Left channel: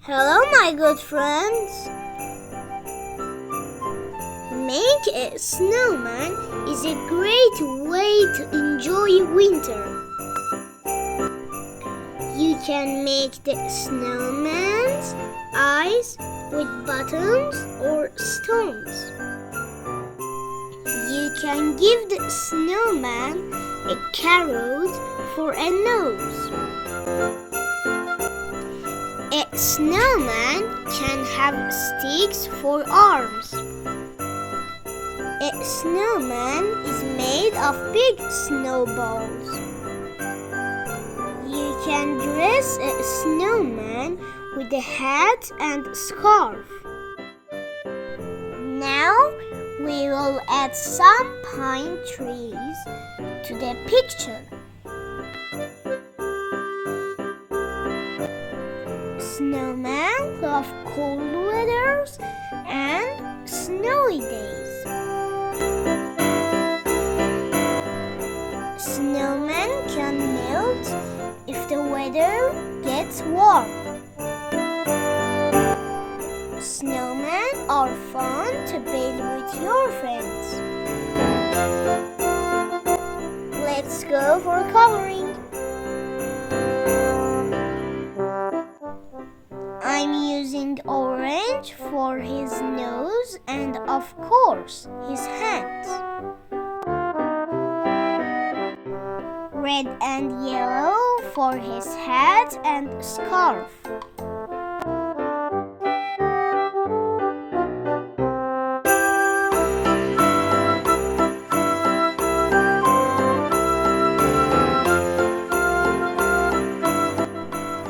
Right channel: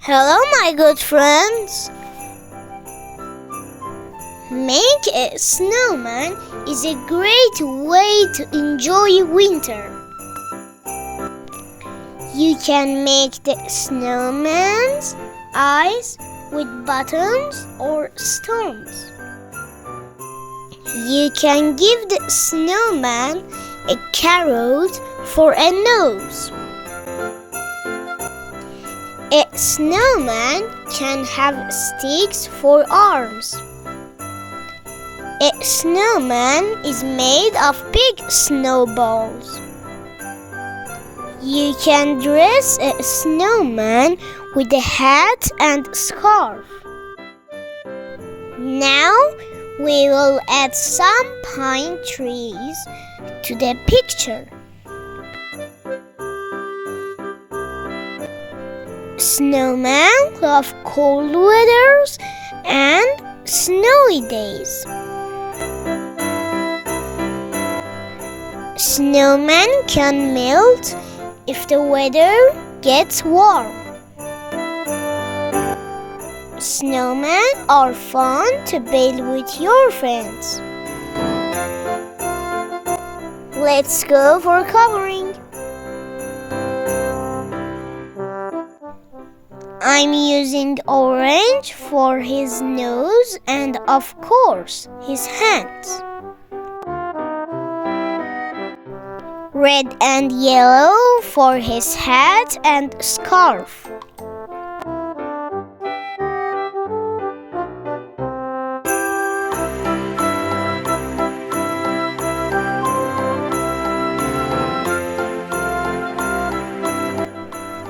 Hello, my good friends. Make a snowman is a great way to enjoy winter. You can make the snowman's eyes with buttons or stones. You can give the snowman a carrot for a nose. A snowman can have sticks for arms. A snowman is made of big snowballs. You can dress a snowman with a hat and scarf. Now we will add some pine trees to the picture. Snowmen love cold weathers and snowy days. Snowmen can melt if the weather gets warm. Snowmen are fun to build with your friends. Let's go for coloring. I'm using orange for his nose and, of course, his hands. Red and yellow for his hat and scarf.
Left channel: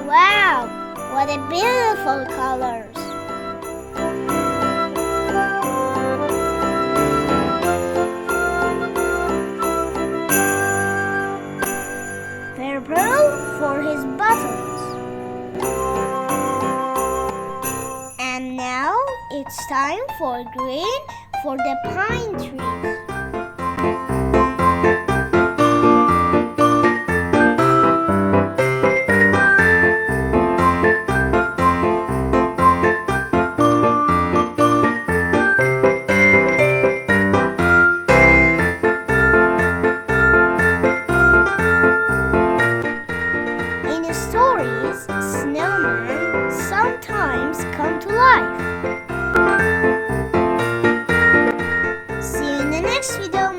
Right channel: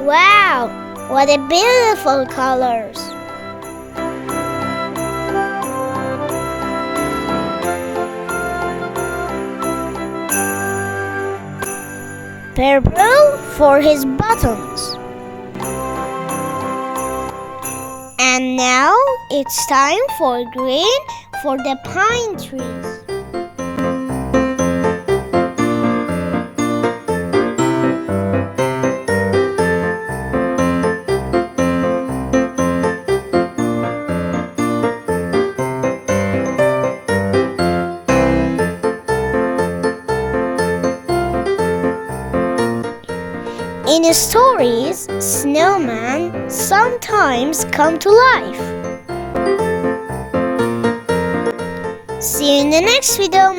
Wow! What a beautiful colors! Purple for his buttons. And now it's time for green for the pine trees. In the stories, snowmen sometimes come to life. See you in the next video.